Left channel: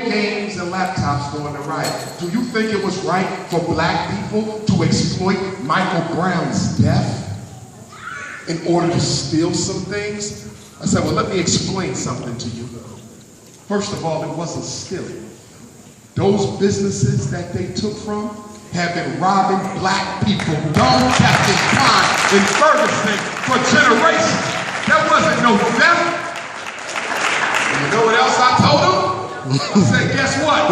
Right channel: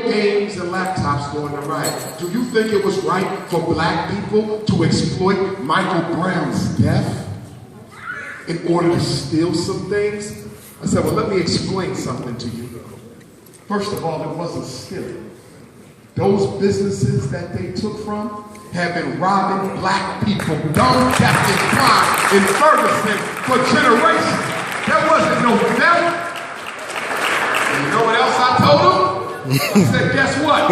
games and laptops during the riot. Do you think it was right for black people to exploit Michael Brown's death in order to steal some things? I said, well, let me explain something to you. First of all, it wasn't stealing. Those businesses that they took from have been robbing black people, dumb, Captain Klein in Ferguson for generations. There wasn't no theft. And you know what else I told them? I said, guess what?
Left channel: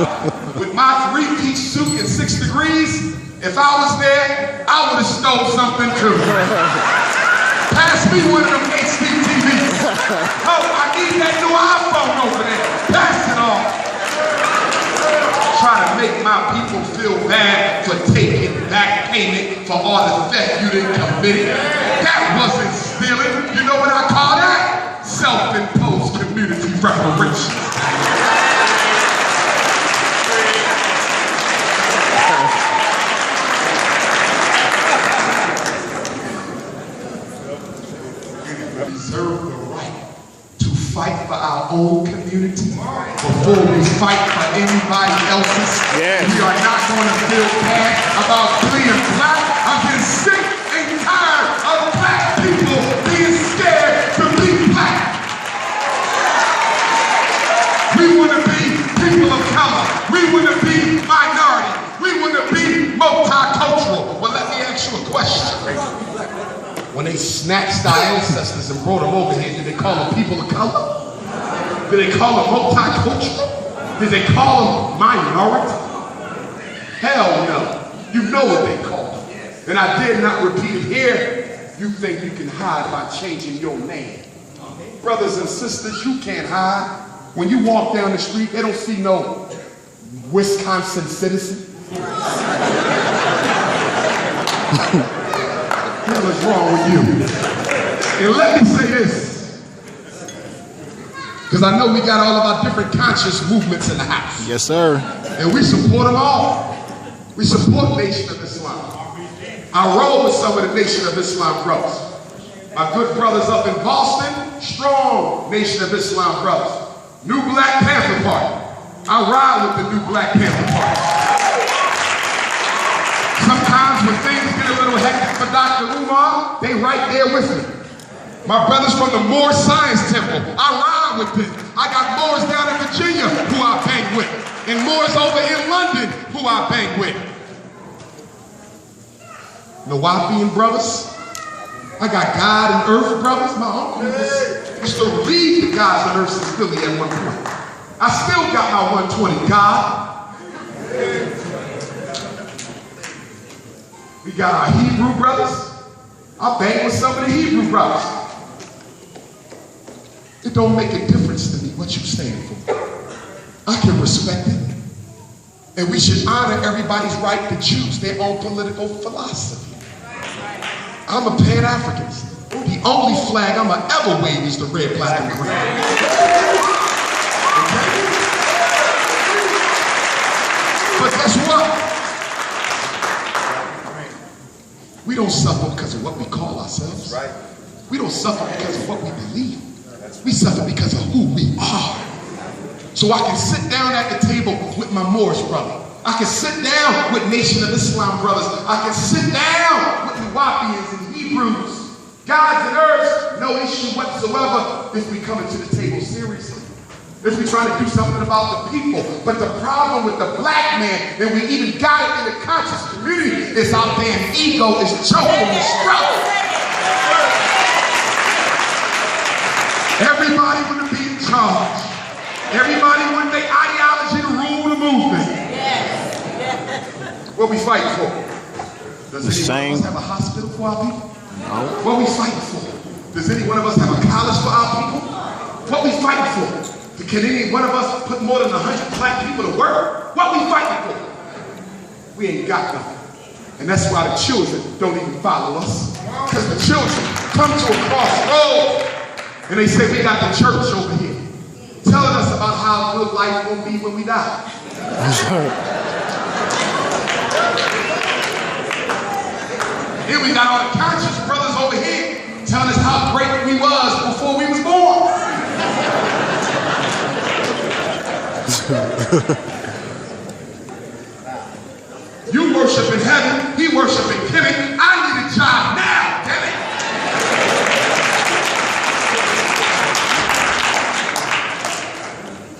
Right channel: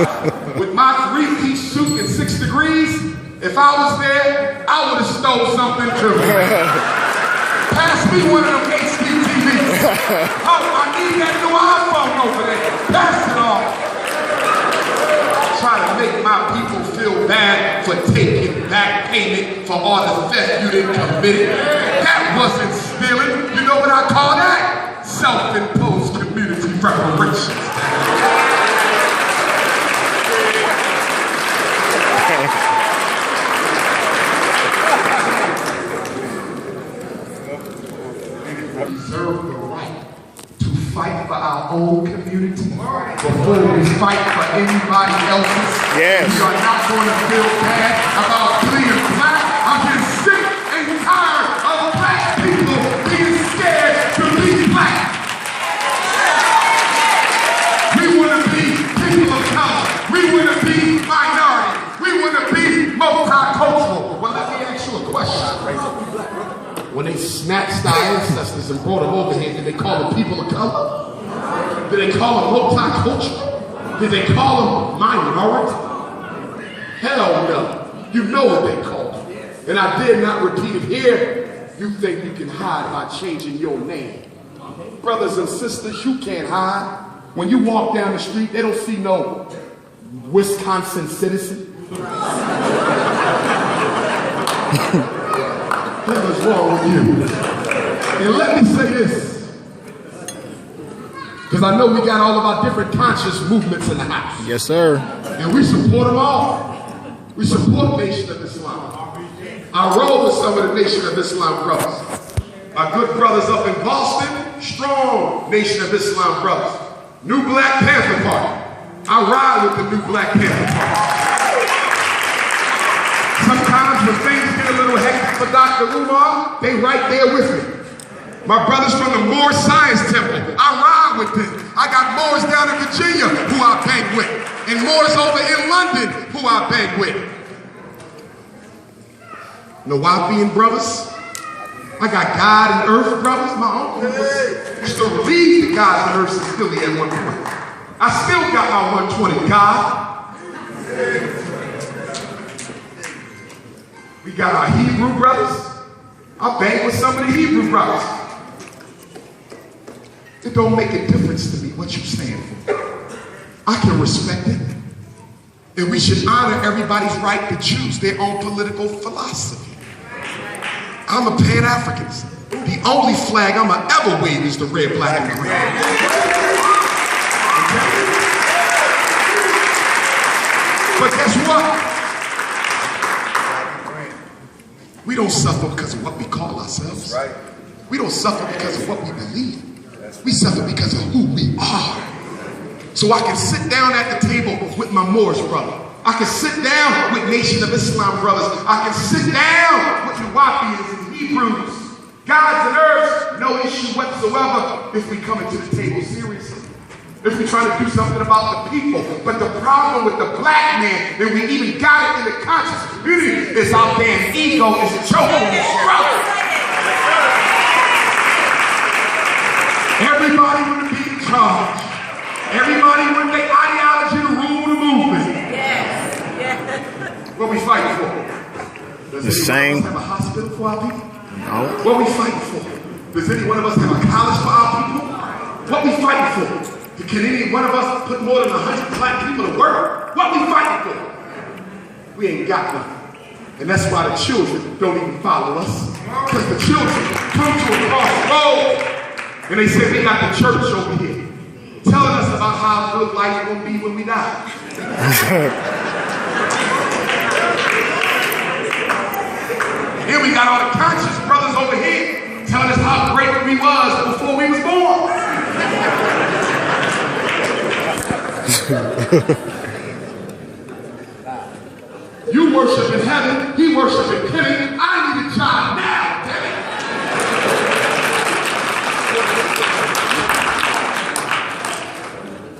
With my 3-piece suit and 6 degrees, if I was there, I would have stole something too. Pass me one of them HD TVs. Oh, I need that new iPhone over there. Pass it off. Try to make my people feel bad for taking back payment for all the theft you didn't commit. That wasn't stealing. You know what I call that? Self-imposed community reparations. We reserve the right to fight for our own community before we fight for anybody else's. Yes. We are not going to feel bad about being black. I'm getting sick and tired of black people being scared to be black. We want to be people of color. We want to be minority. We want to be multicultural. Well, let me ask you a question. When they snatched our ancestors and brought them over here, did they call them people of color? Did they call them multicultural? Did they call them minority? Hell no. You know what they call them. And I did not repeat it here. You think you can hide by changing your name. Brothers and sisters, you can't hide. When you walk down the street, they don't see no Wisconsin citizen. What is wrong with you? And let me say this, because I know we got all of our different conscious movements in the house. Yes, sir. And we support them all. We support Nation of Islam. I roll with some of the Nation of Islam brothers. My good brothers up in Boston, strong Nation of Islam brothers. New Black Panther Party. I ride with the New Black Panther Party. Sometimes when things get a little hectic for Dr. Umar, they right there with me. My brothers from the Moore Science Temple, I ride with them. I got Moors down in Virginia who I bang with, and Moors over in London who I bang with. Nawapian brothers, I got God and Earth brothers. My uncle used to lead the Gods and Earths in Philly at one point. I still got my 120 God. We got our Hebrew brothers. I bang with some of the Hebrew brothers. It don't make a difference to me what you stand for. I can respect it. And we should honor everybody's right to choose their own political philosophy. I'm a Pan-Africanist. The only flag I'ma ever wave is the red, black, and green. But guess what? We don't suffer because of what we call ourselves. Right. We don't suffer because of what we believe. We suffer because of who we are. So I can sit down at the table with my Moorish brother. I can sit down with Nation of Islam brothers. I can sit down with Nawapians and Hebrews. Gods and Earths, no issue whatsoever if we come into the table seriously. If we're trying to do something about the people. But the problem with the black man, and we even got it in the conscious community, is our damn ego is choking the struggle. Everybody want to be in charge. Everybody want their ideology to rule the movement. What we fighting for? Does anyone of us have a hospital for our people? No. What we fighting for? Does any one of us have a college for our people? What we fighting for? Can any one of us put more than 100 black people to work? What we fighting for? We ain't got nothing. And that's why the children don't even follow us. Because the children come to a crossroad and they say, we got the church over here telling us about how good life will be when we die. Then we got all the conscious brothers over here telling us how great we was before we was born. You worship in heaven, he worship in Kenny. I need a job now, damn it.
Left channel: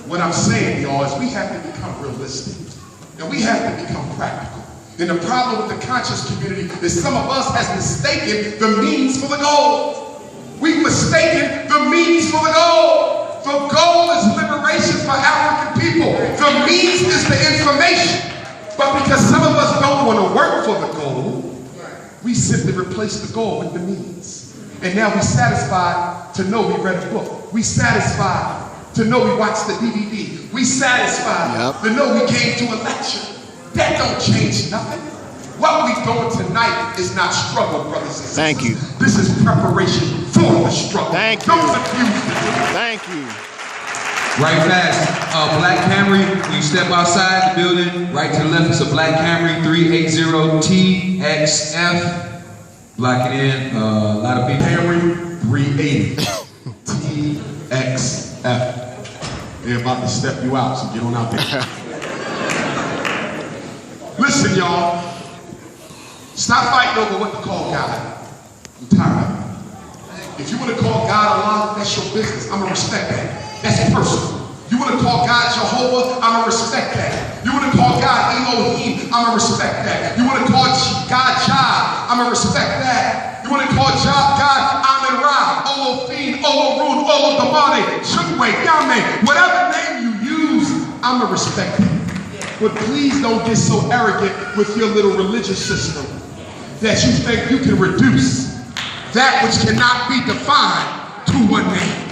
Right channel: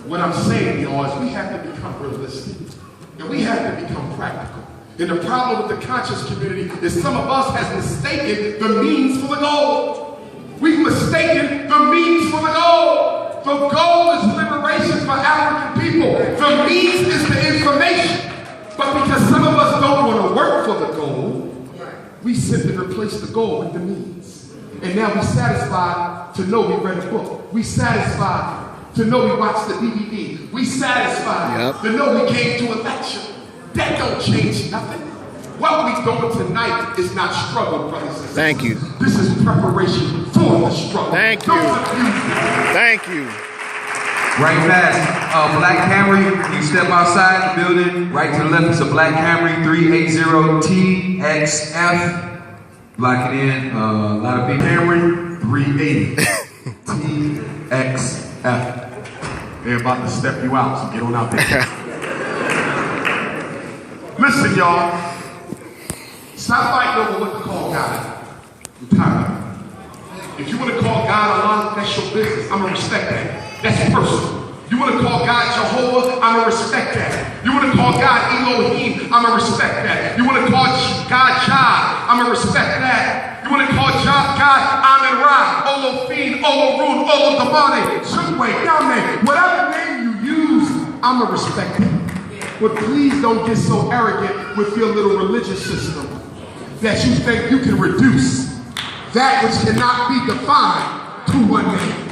What I'm saying, y'all, is we have to become realistic. And we have to become practical. And the problem with the conscious community is some of us has mistaken the means for the goal. We've mistaken the means for the goal. The goal is liberation for African people. The means is the information. But because some of us don't want to work for the goal, we simply replace the goal with the means. And now we're satisfied to know we read a book. We satisfied to know we watched the DVD. We satisfied to know we came to a lecture. That don't change nothing. What we're doing tonight is not struggle, brothers and sisters. Thank you. This is preparation for the struggle. Thank you. Don't confuse it. Thank you. Right fast. Black Camry, when you step outside the building, right to the left is a Black Camry 380TXF. Lock it in. A lot of people. Camry 380TXF. They're about to step you out, so get on out there. Listen, y'all. Stop fighting over what to call God. I'm tired of it. If you want to call God Allah, that's your business. I'm going to respect that. That's personal. You want to call God Jehovah, I'm going to respect that. You want to call God Elohim, I'm going to respect that. You want to call God Jah, I'm going to respect that. You want to call God Amen-Ra, Olofin, Olorun, Olodamane, Chukwe, Yame, whatever name you use, I'm going to respect it. But please don't get so arrogant with your little religious system that you think you can reduce that which cannot be defined to one name.